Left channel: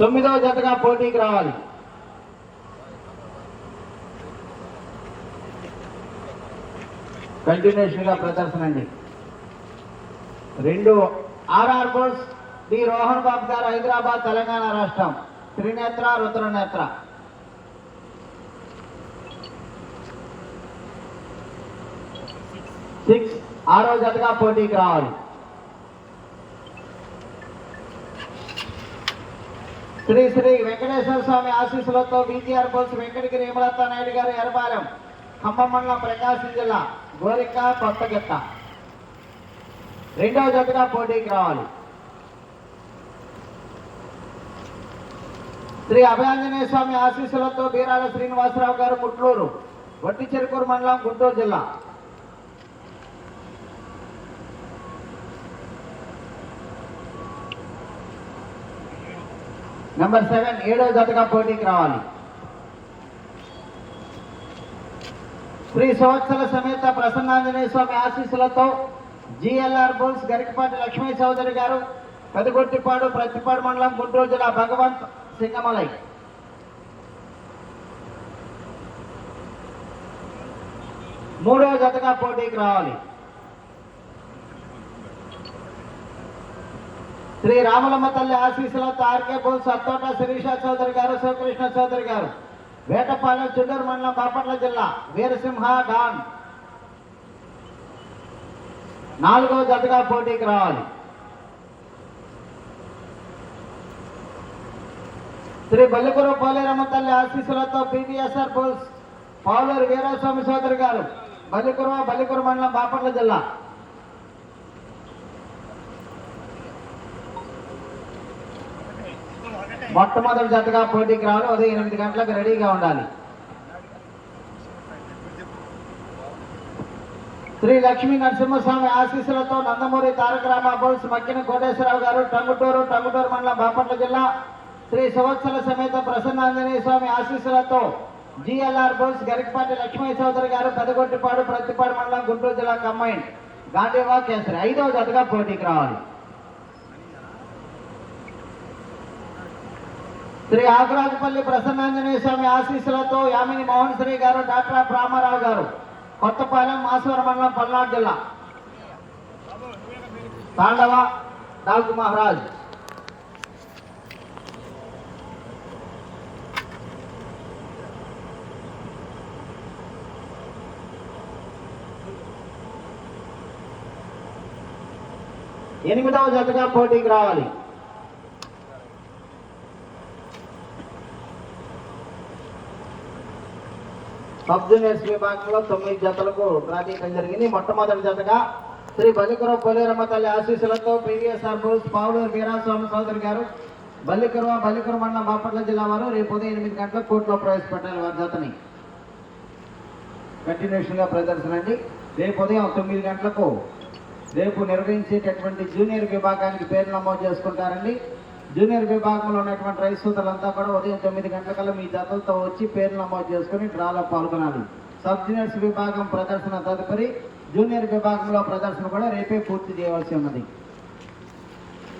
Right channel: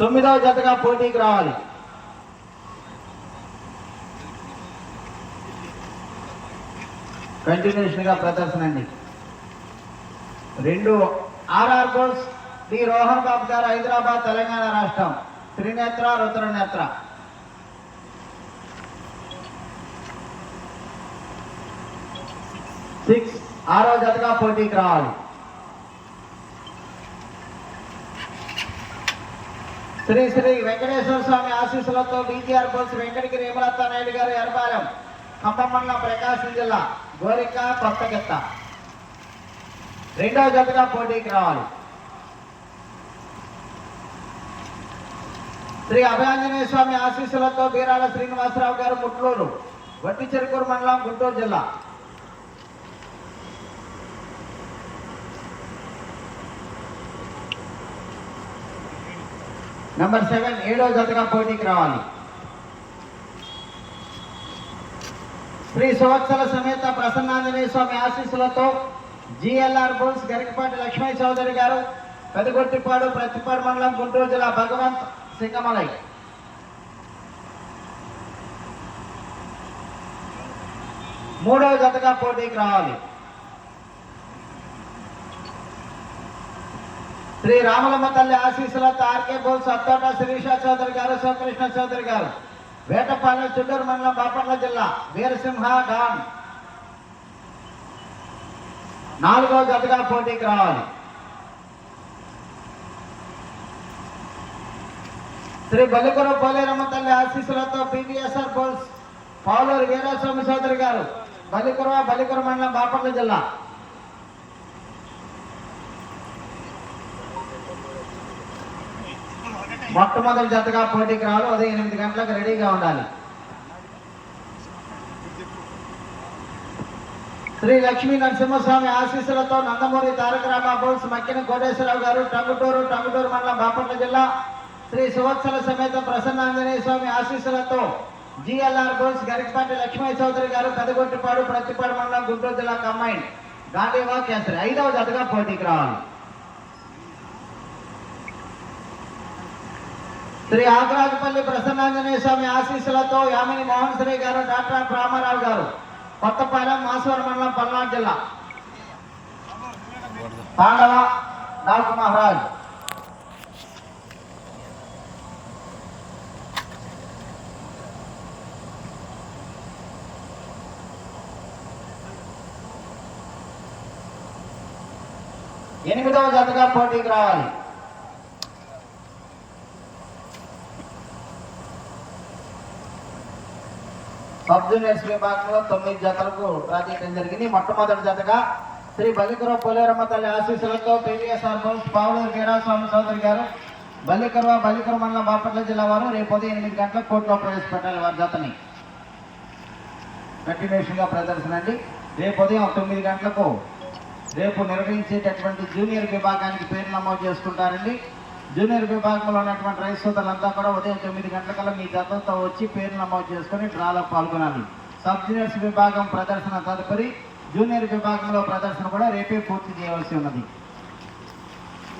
తొమ్మిదవ జతగా పోటీకి రావాలి. కంటిన్యూషన్గా ప్రదర్శన అండి. రెండు R R goals D Rohan Babu garu Hyderabad Telangana రాష్ట్రం. త్రినేత్ర రుద్రనేత్ర. సిక్స్ ఆరో జతగా పోటీకి రావాలి. శ్రీ శ్రీ వెంకటేశ్వర స్వామి ఆశీస్సులతో బీజీఆర్ బోల్స్ వెంకటగిరి హేమలత నాయుడు గారు ఎరబాలెం ఖమ్మం మండలం ప్రకాశం జిల్లా గోరిక కొత్తగిత్త. రెండవ జతగా పోటీకి రావాలి. శ్రీ అభయాంజనేయ స్వామి ఆశీస్సులతో బీరాల శ్రీనివాసరావు గారు ముట్లూరు వట్టి చెరుకూరు మండలం గుంటూరు జిల్లా. నంబర్ సెవెన్ ఏడో జతగా పోటీకి రావాలి. శ్రీ సంవత్సర సమేత ప్రసన్నాంజనేయ స్వామి ఆశీస్సులతో జిఎల్ఆర్ బోల్స్ గరికపాటి లక్ష్మీ చౌదరి గారు పెదగొట్టిపాడు ప్రతిపాడు మండలం గుంటూరు జిల్లా భగవంత్ సింగమలై. మూడవ జతగా పోటీకి రావాలి. శ్రీ రామలమ్మ తల్లి ఆశీస్సులతో ఆర్కే బోల్ సత్తోట శిరీష చౌదరి గారు శివకృష్ణ చౌదరి గారు. వేటపాలెం చిల్లూరు మండలం బాపట్ల జిల్లా వీరసింహ డాన్ నాలుగో జతగా పోటీకి రావాలి. శ్రీ బల్లిపురం పోలేరమ్మ తల్లి ఆశీస్సులతో పివిఎస్ఆర్ బోల్స్ పావులూరు వీరస్వామి సోదరి గారు బల్లికురవ బలికురు మండలం బాపట్ల జిల్లా. మొట్టమొదటి జతగా పోటీకి రావాలి. ఉదయం ఎనిమిది గంటలకు రెడీగా ఉండాలి. శ్రీ లక్ష్మీ నరసింహస్వామి ఆశీస్సులతో నందమూరి తారక రామాబోల్స్ మక్కిన కోటేశ్వరరావు గారు టంగుటూరు టంగుటూరు మండలం బాపట్ల జిల్లా శ్రీ సంవత్సర సమేత ప్రసన్నాంజనేయ స్వామి ఆశీస్సులతో జిఎల్ఆర్ బోల్స్ గరికపాటి లక్ష్మీ చౌదరి గారు పెదగొట్టిపాడు ప్రతిపాడు మండలం గుంటూరు జిల్లా కంబైన్. గాంధీవా కేసరి ఐదవ జతగా పోటీకి రావాలి. శ్రీ ఆకురాజపల్లి ప్రసన్నాంజనేయ స్వామి ఆశీస్సులతో యామిని మోహన్ శ్రీ గారు డాక్టర్ రామారావు గారు కొత్తపాలెం మాసవరం మండలం పల్నాడు జిల్లా. పాండవ డాకు మహారాజ్. ఎనిమిదవ జతగా పోటీకి రావాలి. సబ్ జూనియర్స్ విభాగంలో తొమ్మిది జతలకు ప్రాతినిధ్యం జరిగింది. మొట్టమొదటి జతగా శ్రీ బలికర పోలేరమ్మ తల్లి ఆశీస్సులతో P V S R goals పావుడు Veeraswamy Chowdary garu Ballikurava బల్లికర మండలం బాపట్ల జిల్లా వారు రేపు ఉదయం ఎనిమిది గంటలకు కోర్టులో ప్రవేశపెట్టాలి వారి జతని కంటిన్యూషన్గా ప్రదర్శన అండి. రేపు ఉదయం తొమ్మిది గంటలకు రేపు నిర్వహించేటటువంటి జూనియర్ విభాగానికి పేరు నమోదు చేసుకుంటారండి. జూనియర్ విభాగంలో ఉన్నటువంటి రైతు సోదరులంతా కూడా ఉదయం తొమ్మిది గంటలకల్లా మీ జతలతో వచ్చి పేరు నమోదు చేసుకొని డ్రాలో పాల్గొనాలి. సబ్ జూనియర్స్ విభాగం ప్రదర్శన తదుపరి జూనియర్ విభాగంలో ప్రదర్శన కూడా రేపే పూర్తి చేయవలసి ఉన్నది.